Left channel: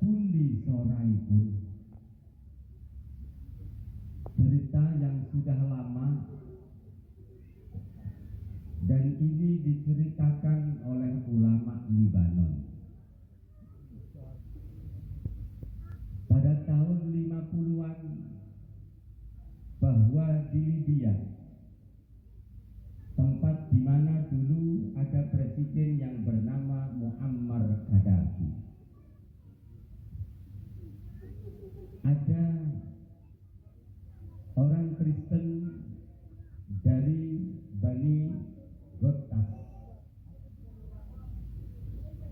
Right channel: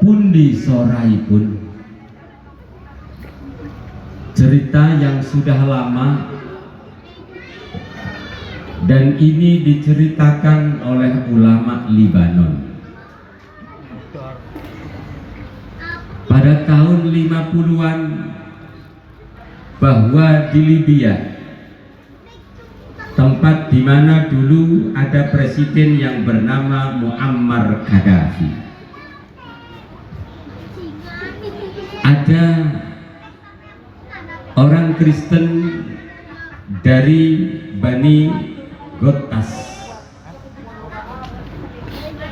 pundi soraipun. Cerita yang sudah lama dan ini diceritakan oleh ulama Libanon. Pada tahun 50-an bahwa di Libya, tempat di mana dulu ada presiden yang bernama Muammar Gaddafi, ada orang Kristen dari Bani Gotas,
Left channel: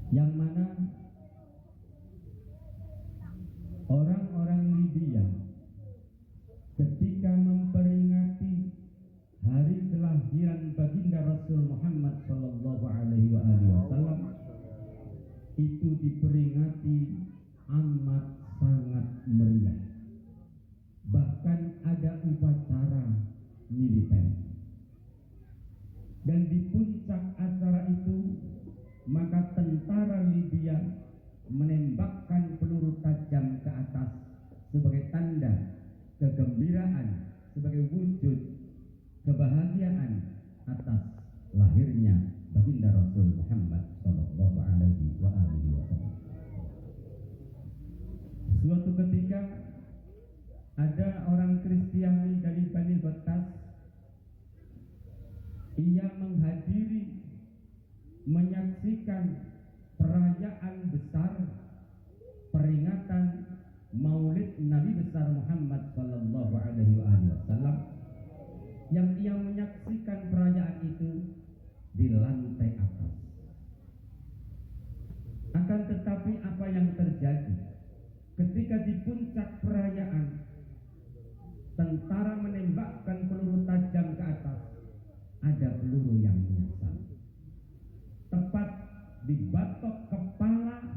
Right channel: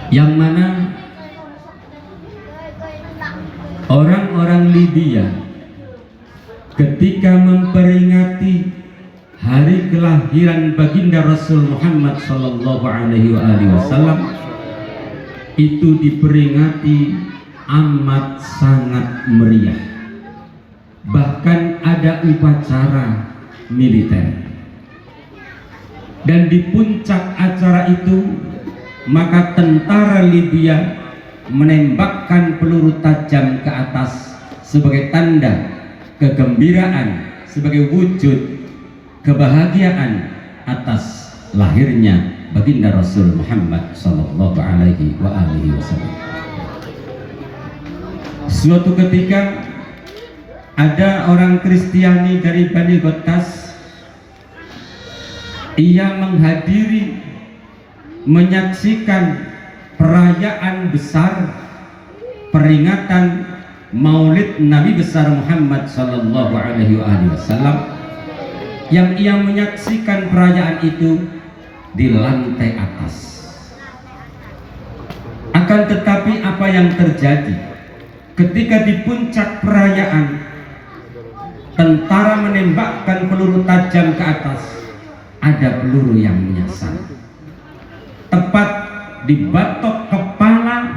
yang mana orang-orang Libya ketika memperingati hari kelahiran baginda Rasul Muhammad sallallahu alaihi wasallam itu diperingati amat sangat meriah. Bahkan ada upacara militer. Dan di puncak acara itu maka tentara Libya menembakkan peluru tajam ke atas sebagai tanda kegembiraan, sebagai wujud kebahagiaan atas lahirnya baginda Rasul Muhammad sallallahu alaihi wasallam. Suatu ketika ada orang Kristiani dari Bani Gotas, ia menghadiri, menyaksikan perayaan besar peringatan Maulid Nabi besar Muhammad sallallahu alaihi wasallam, yang ia menyaksikan perayaan itu di lantai atas. Akan tetapi apa yang terjadi ketika di puncak perayaan tentara menembakkan peluru tajam ke atas, ada peluru yang menyasar tepat di batok kepala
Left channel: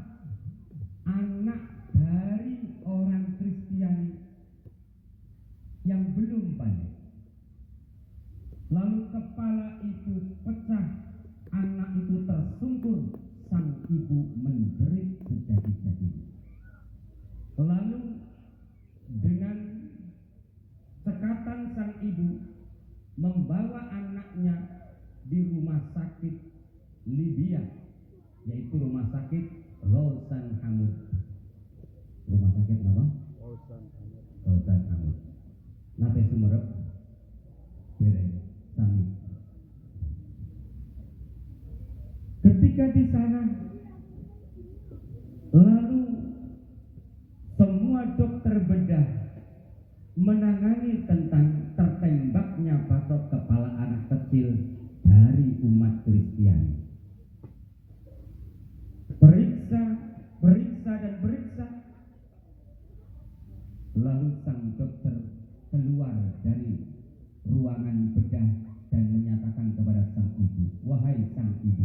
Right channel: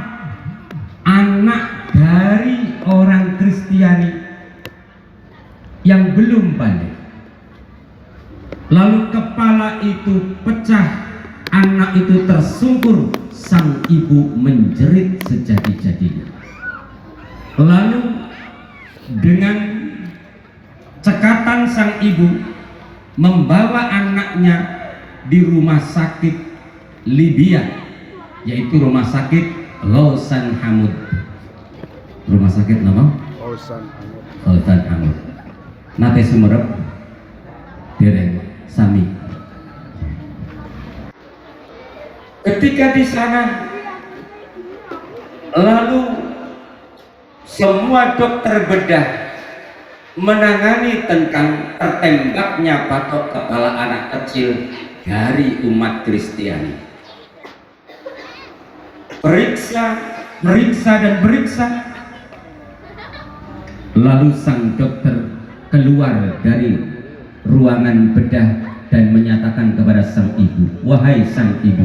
anak dari orang Kristiani yang belum balik. Lalu kepala itu pecah, anak itu tersungkur, sang ibu menjerit sejadi-jadinya. Lalu dengan cekatan sang ibu membawa anaknya di rumah sakit Libya, yaitu rumah sakit Lausan Hamud. Rumah sakit nama? Lausan Hamud. Nate Sumerep dereng sami. Ketika di sana, lalu semua dokter bedah menangani tentang tertembaknya batok kepala anak kecil dari umat Kristiani. Periksa, dan periksa. Lalu sang dokter keluar dari ruangan bedah dan menyatakan kepada sang ibu, "Wahai sang ibu,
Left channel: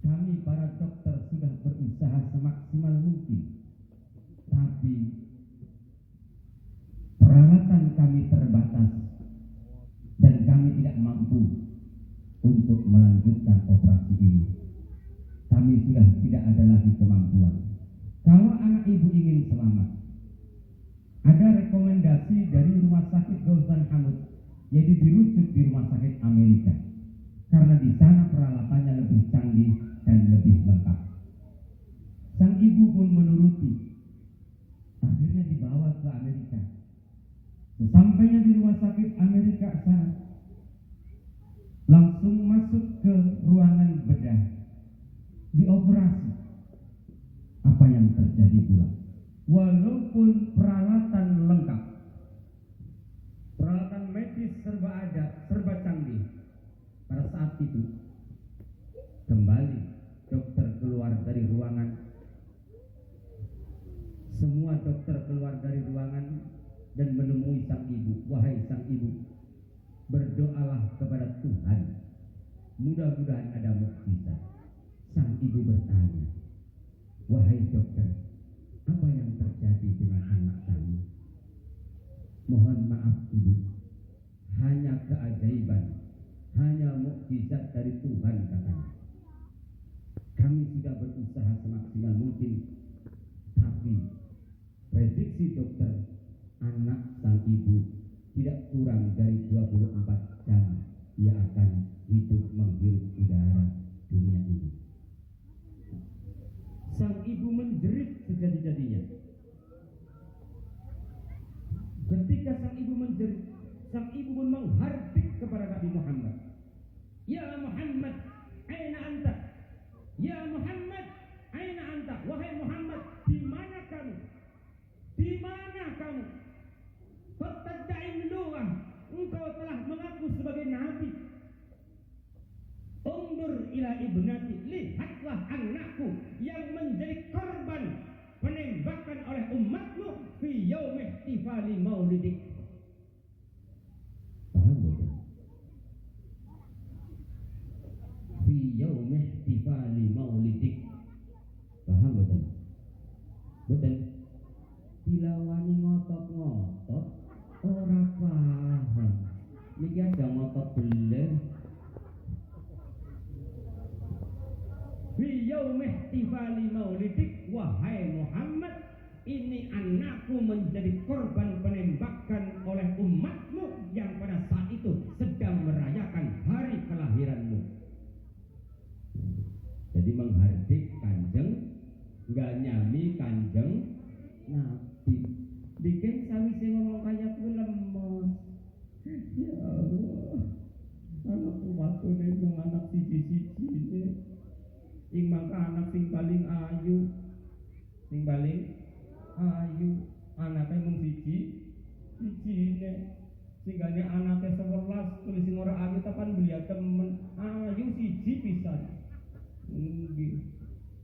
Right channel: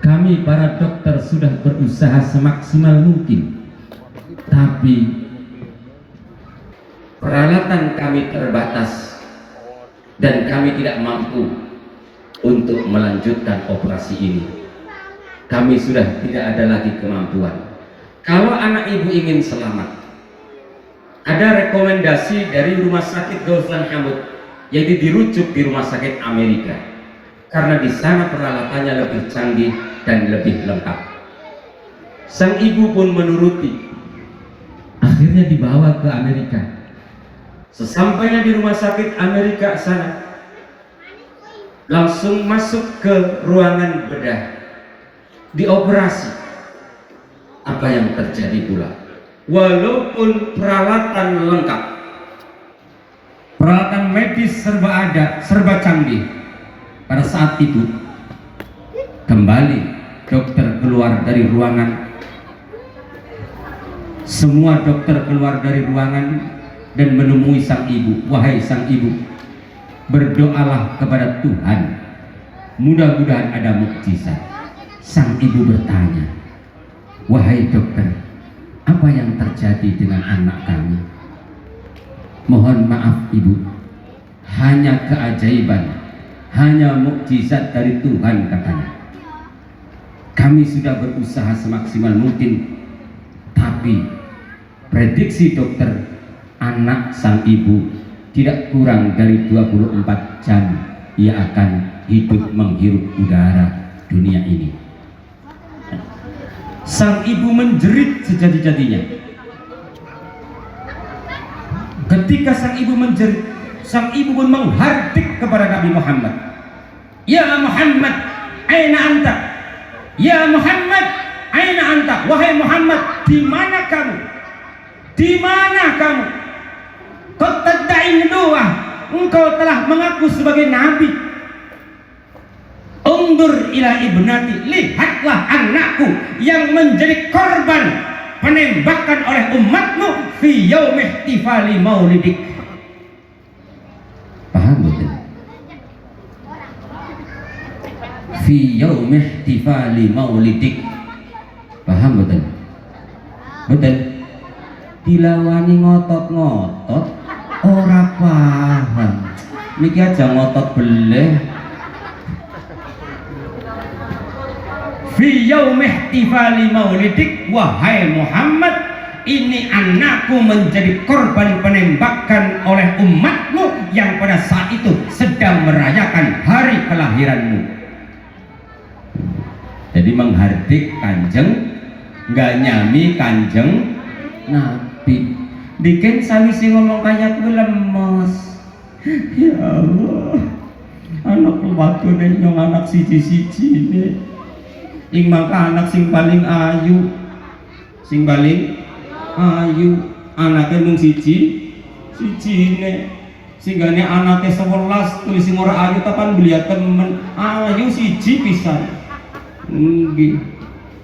kami para dokter sudah berusaha semaksimal mungkin, tapi peralatan kami terbatas dan kami tidak mampu untuk melanjutkan operasi ini. Kami sudah tidak ada lagi kemampuan. Kalau anak ibu ingin selamat, ada rekomendasi dari rumah sakit Lausan Hamud, yaitu dirujuk di rumah sakit Amerika, karena di sana peralatannya lebih canggih dan lebih lengkap." Sang ibu pun menuruti. Akhirnya dibawa ke Amerika. Sesampainya di rumah sakit Amerika sana, langsung masuk ke ruangan bedah, dioperasi. Apa yang terjadi pula? Walaupun peralatan lengkap, peralatan medis serba ada, serba canggih, pada saat itu kembali dokter keluar dari ruangan. Semua dokter keluar dari ruangan dan menemui sang ibu. "Wahai sang ibu, berdoalah kepada Tuhan, mudah-mudahan ada mukjizat." Sang ibu bertanya, "Wahai dokter, apa yang terjadi dengan anak kami?" "Mohon maaf ibu, hanya keajaiban, hanya mukjizat dari Tuhan," katanya. "Kami sudah berusaha semaksimal mungkin, Tapi prediksi dokter, anak sang ibu tidak kurang dari 24 jam ia akan hidup menghirup udara dunia ini. Sang ibu menjerit sejadi-jadinya. Ketika sang ibu menjerit, sang ibu pun menghardik kepada Nabi Muhammad. Ya Muhammad, aina anta? Ya Muhammad, aina anta? Wahai Muhammad, di mana kamu? Di mana kamu? Kau tadda'i nubuwah, engkau telah mengaku sebagai nabi. Undur ila ibnati, lihatlah anakku yang menjadi korban penembakan oleh umatmu fi yaumi ihtifali maulidik. Paham betul? Fi yaumi ihtifali maulidik. Paham betul? Betul. Dilawani ngotot-ngotot ora paham. Niki aja ngotot beleh. Fi yaumi ihtifali maulidik, wahai Muhammad, ini anakku menjadi korban penembakan oleh umatmu yang pada saat itu sedang merayakan hari kelahiranmu. Jadi menghardik kanjeng, nggak nyami kanjeng Nabi. Diken sawise ngomong kayak kuwi lemes. Ya Allah, anak wadone nyong anak siji-sijine. Ing mangka anak sing paling ayu, anaknya mung sijine, singgane anaknya 11 tulis sing ora ayu tapan belia temen, ayu siji pisan. Nggih.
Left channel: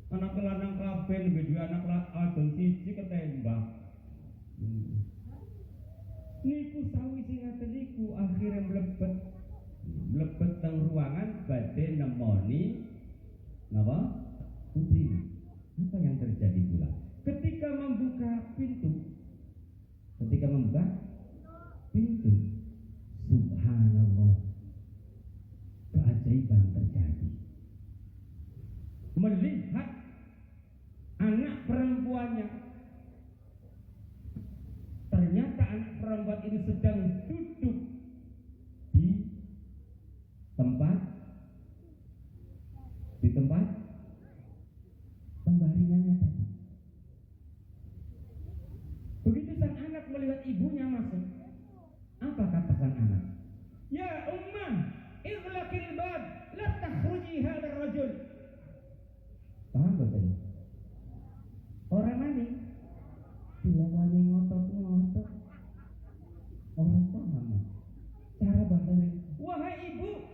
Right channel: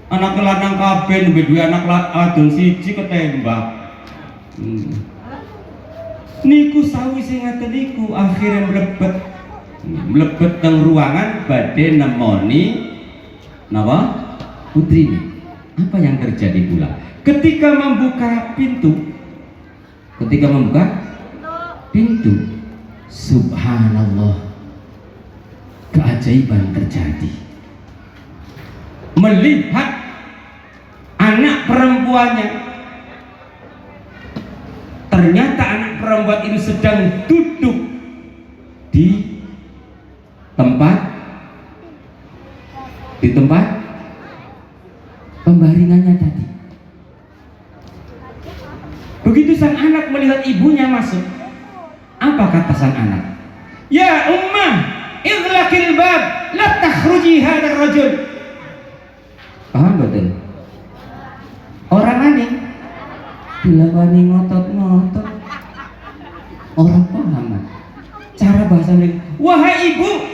Anak lanang kabeh nembe duwe anak wadon siji ketembak. Niku sawise ngaten niku akhire mlebet nang ruangan badhe nemoni napa? Putrine. Apa yang terjadi pula? Ketika membuka pintu, subhanallah, keajaiban terjadi. Melihat anak perempuannya, ternyata anak perempuan ini sedang duduk di tempat pembaringannya tadi. Begitu sang anak melihat ibunya masuk, apa kata sang anak? Ya ummah, ighlaqil bab, la takhruji hadzal rajul. Paham betul? Orang aneh dilawani ngotot-ngotot, orang paham cara bahasanya. Wahai ibu,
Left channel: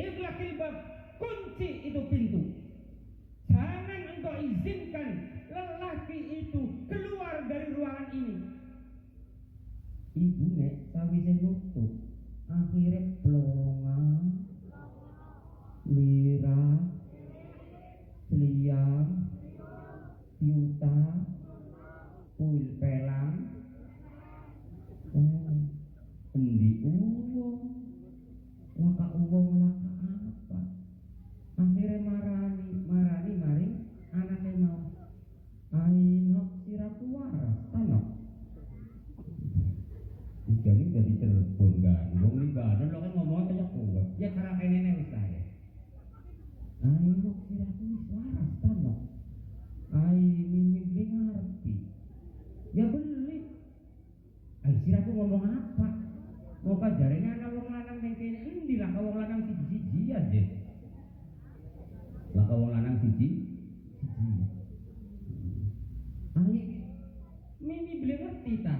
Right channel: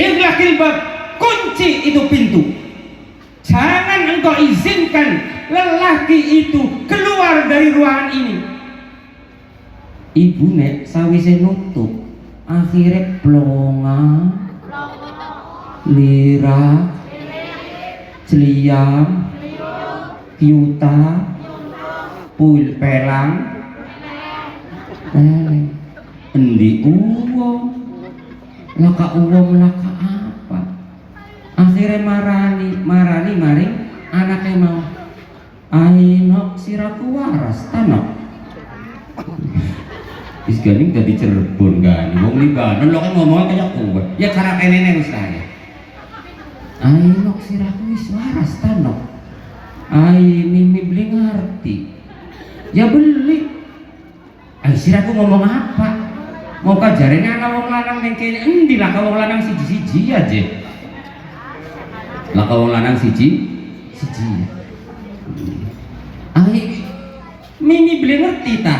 ighlaqil bab, kunci itu pintu. Jangan engkau izinkan lelaki itu keluar dari ruangan ini. Ibu nek sawise nutup, akhirnya plonga, lira, celiam, piuta, puil pelang, endi uwong, laka apa? Akhirnya marani maring anaknya mau. Ainok siraku waras tanok. Is ganing dadi Cirebon kan. Wong Libanon lo kan ngomongnya kayak kowe. Ya karakter nenek wis saya. Ainok siraku wis waras tanok. Ai mimi beli ngerti. Ya beli. Ai siraku ngomong apa? Mau kajarene ana wong lanang ning kene endi lah wong lanang siji-siji aja. Lah wong lanang siji. Ai mimi beli ngerti ta.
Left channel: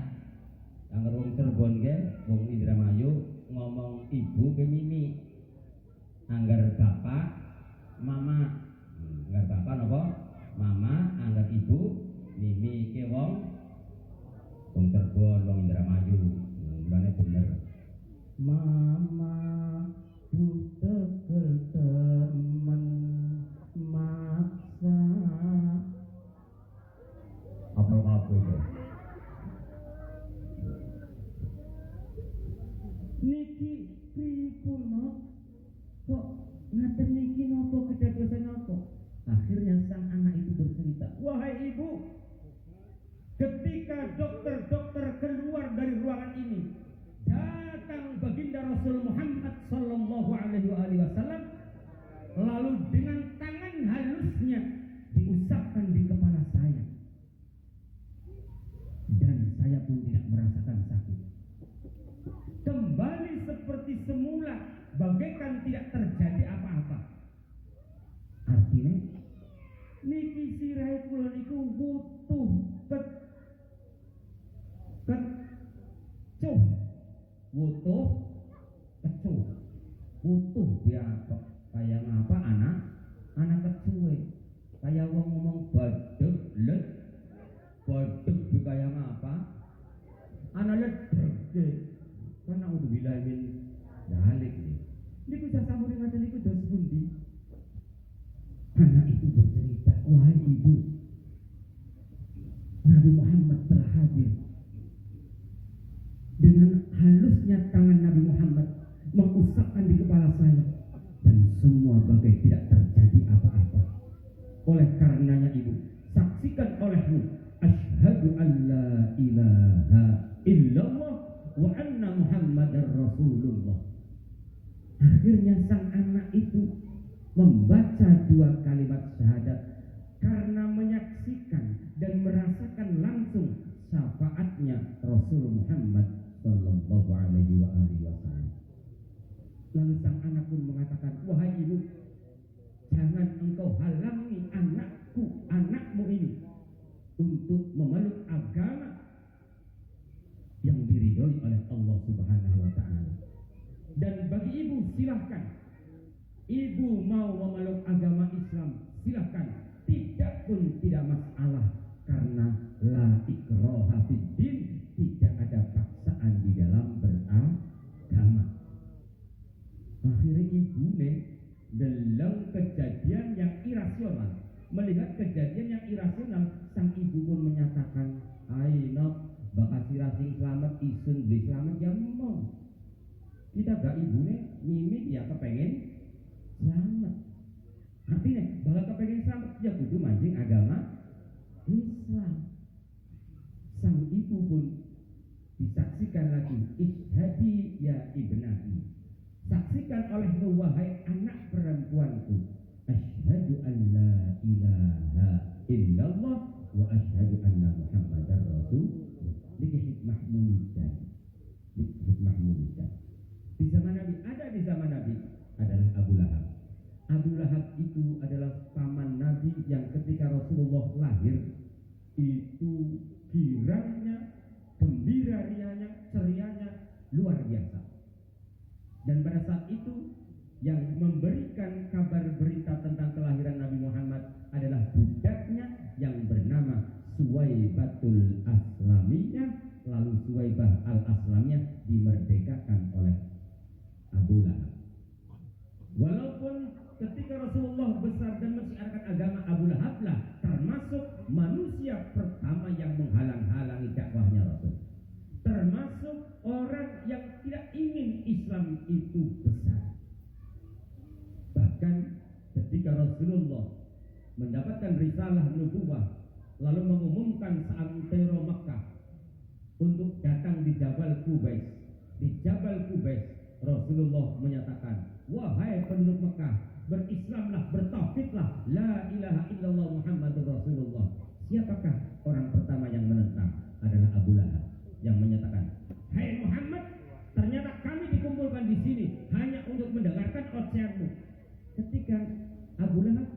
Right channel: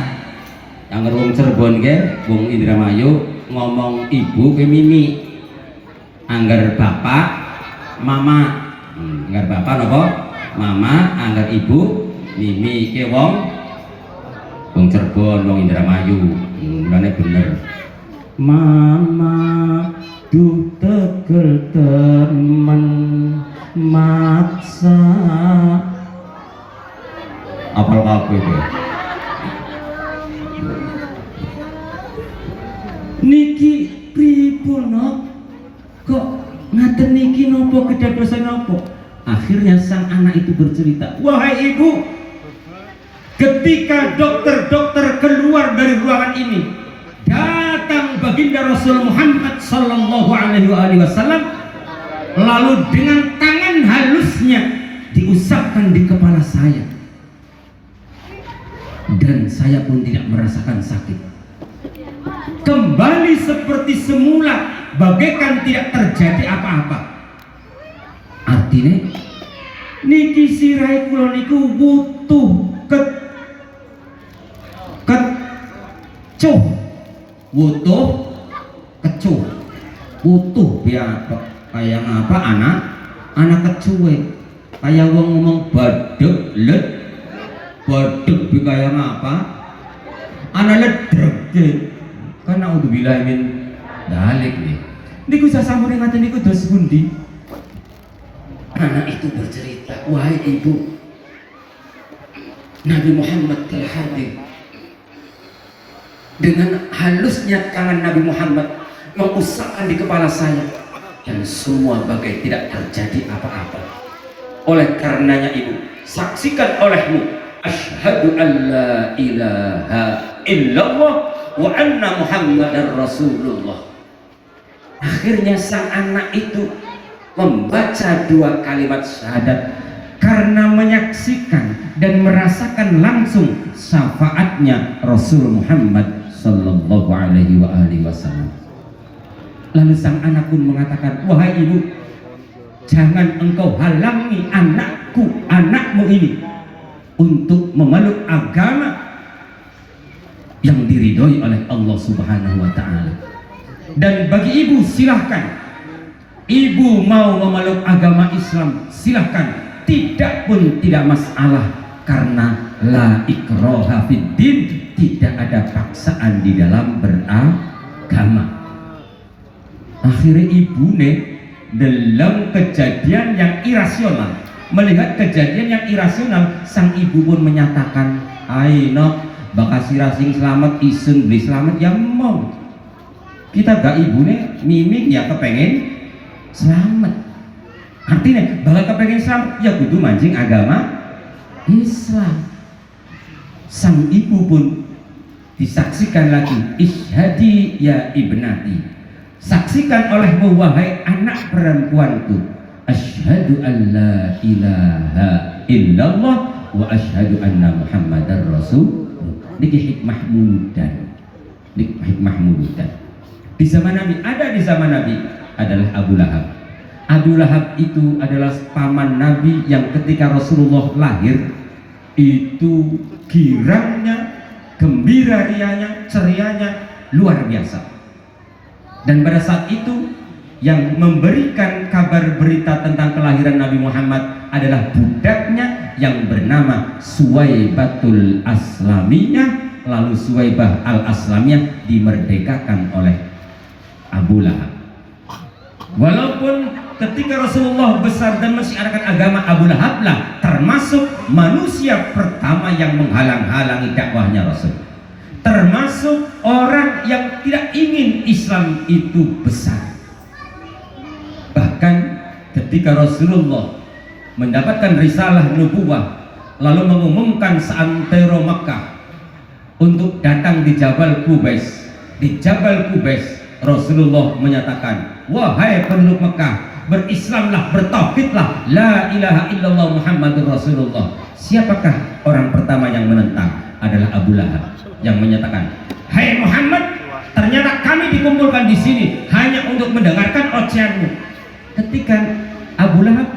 Yang wong Cirebon ke, wong Indramayu ngomong ibu ke mimi. Angger bapak, mama. Angger bapak napa? Mama, angger ibu, mimi ke wong Cirebon, wong Indramayu. Mulane bener. Mama duh tegel temen maksa. Apal kabeh kowe. Niki pripun kok ngaten niki napa kedadosan napa? Akhirnya sang anak itu bercerita, wahai ibu, ketika dokter-dokter keluar dari ruangan ini, datang baginda Rasul Muhammad sallallahu alaihi wasallam, lalu dengan tangan halusnya diusapkan di kepala saya, dan saya pun tidak merasakan sakit. Kembali seperti semula, bagaikan tidak terjadi apa-apa. Artinya niki sirai kula niku butuh kecuh, butuh biar kayak apa anak kecuwe, kayak wong ngomong badek bi kayak apa anak ledreg karena udah bilamin dalik nih niku sasamune ngaten niku dos pundi. Anak itu bercerita, wahai ibu, Nabi Muhammad telah hadir. Dengan halusnya tangan Nabi Muhammad mengusapkan di kepala saya, yang semua bagai tidak terjadi apa-apa. Oleh karenanya ibu, saksikan olehmu, asyhadu an la ilaha illallah wa anna Muhammadar Rasulullah. Akhirnya sang anak itu membaca dua kalimat syahadat karena menyaksikan dan merasakan langsung syafaatnya Rasul Muhammad sallallahu alaihi wasallam. Lalu sang anak pun mengatakan, wahai ibu, jangan engkau halangi anakmu ini untuk memeluk agama yang diridhoi oleh Allah Subhanahu wa taala. Dan bagi ibu silahkan, ibu mau memeluk agama Islam silahkan, tidak pun tidak masalah, karena la ikraha fiddin, tidak ada paksaan di dalam beragama. Akhirnya ibu dalam kejadian yang irasional, melihat kejadian yang irasional, sang ibu pun menyatakan, ayo bakal sirasing selamat isun beli selamat ya mau. Kita gak ibu mimik ya kepengen selamat. Artinya bakal kepengen selamat ya kudu mancing agama Islam. Sang ibu pun disaksikan lagi, isyhadi ya ibnati, saksikan olehmu wahai anak perempuanku, asyhadu an la ilaha illallah wa asyhadu anna Muhammadar Rasul. Niki hikmah mudan, hikmah mudan. Di zaman Nabi, di zaman Nabi adalah Abu Lahab. Abu Lahab itu adalah paman Nabi yang ketika Rasulullah lahir itu girangnya, gembira rianya, cerianya luar biasa. Dan pada saat itu yang memberikan kabar berita tentang kelahiran Nabi Muhammad adalah budaknya yang bernama Suwaibatul Aslamiyah. Lalu Suwaibah al-Aslamiyah dimerdekakan oleh Abu Lahab. Walaupun ketika Rasulullah besar dan mensiarkan agama, Abu Lahab lah termasuk manusia pertama yang menghalang-halangi dakwahnya Rasul, termasuk orang yang tidak ingin Islam itu besar. Bahkan ketika Rasulullah mendapatkan risalah nubuwah lalu mengumumkan seantero Makkah untuk datang di Jabal Qubais, di Jabal Qubais Rasulullah menyatakan, wahai penduduk Mekah, berislamlah, bertauhidlah, la ilaha illallah Muhammadur Rasulullah. Siapakah orang pertama yang menentang? Adalah Abu Lahab yang menyatakan, hai Muhammad, ternyata kami dikumpulkan di sini hanya untuk mendengarkan ocehanmu. Ketika Abu Lahab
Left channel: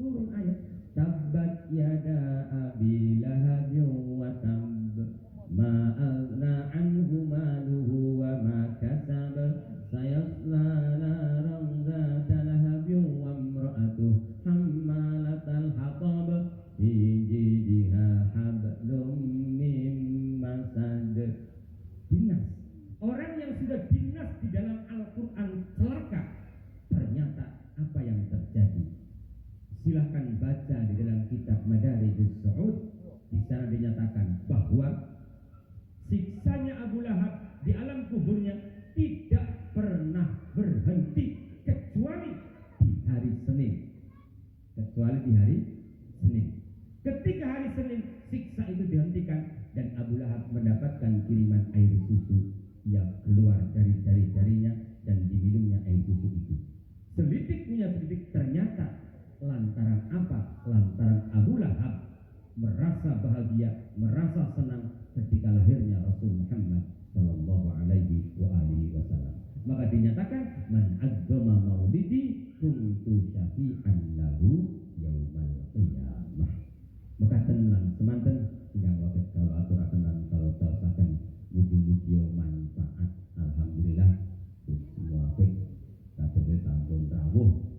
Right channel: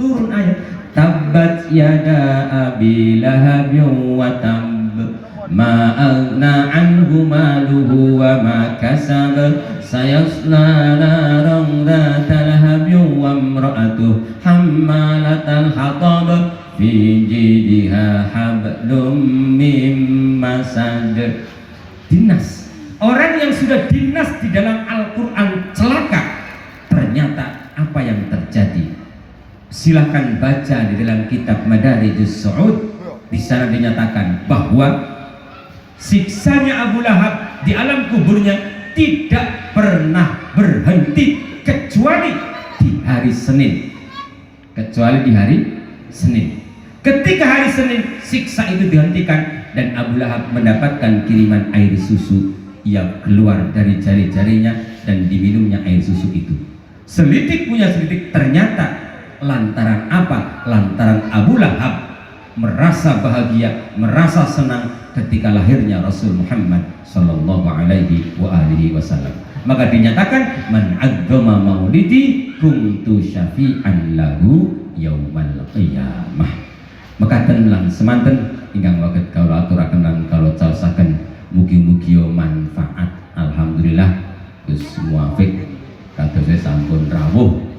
turun ayat, tabbat yada abi lahabin wa tab ma aghna anhu maluhu wa ma kasab sayasla naran dhata lahabin wa imra'atuhu hammalatal hatab fi jidha hablum mim masad. Dinas, orang yang sudah dinas di dalam Al-Quran celaka. Ternyata apa yang terjadi? Silahkan baca di dalam kitab Madarijus Su'ud. Di sana dinyatakan bahwa siksanya Abu Lahab di alam kuburnya tidak pernah berhenti kecuali di hari Senin kecuali di hari Senin. Ketika hari Senin siksa itu dihentikan dan Abu Lahab mendapatkan kiriman air susu yang keluar dari jari-jarinya dan diminumnya air susu itu. Selidik punya selidik, ternyata lantaran apa? Lantaran Abu Lahab merasa bahagia, merasa senang ketika lahirnya Rasul Muhammad sallallahu alaihi wasallam. Maka dinyatakan man azzama maulidi kuntu syafi'an lahu yaumal qiyamah. Maka tenlang semanten ingkang waget kawula aturaken lan kawula caosaken mugi-mugi manfaat. Alhamdulillah Gus muafik kados sampun rawuh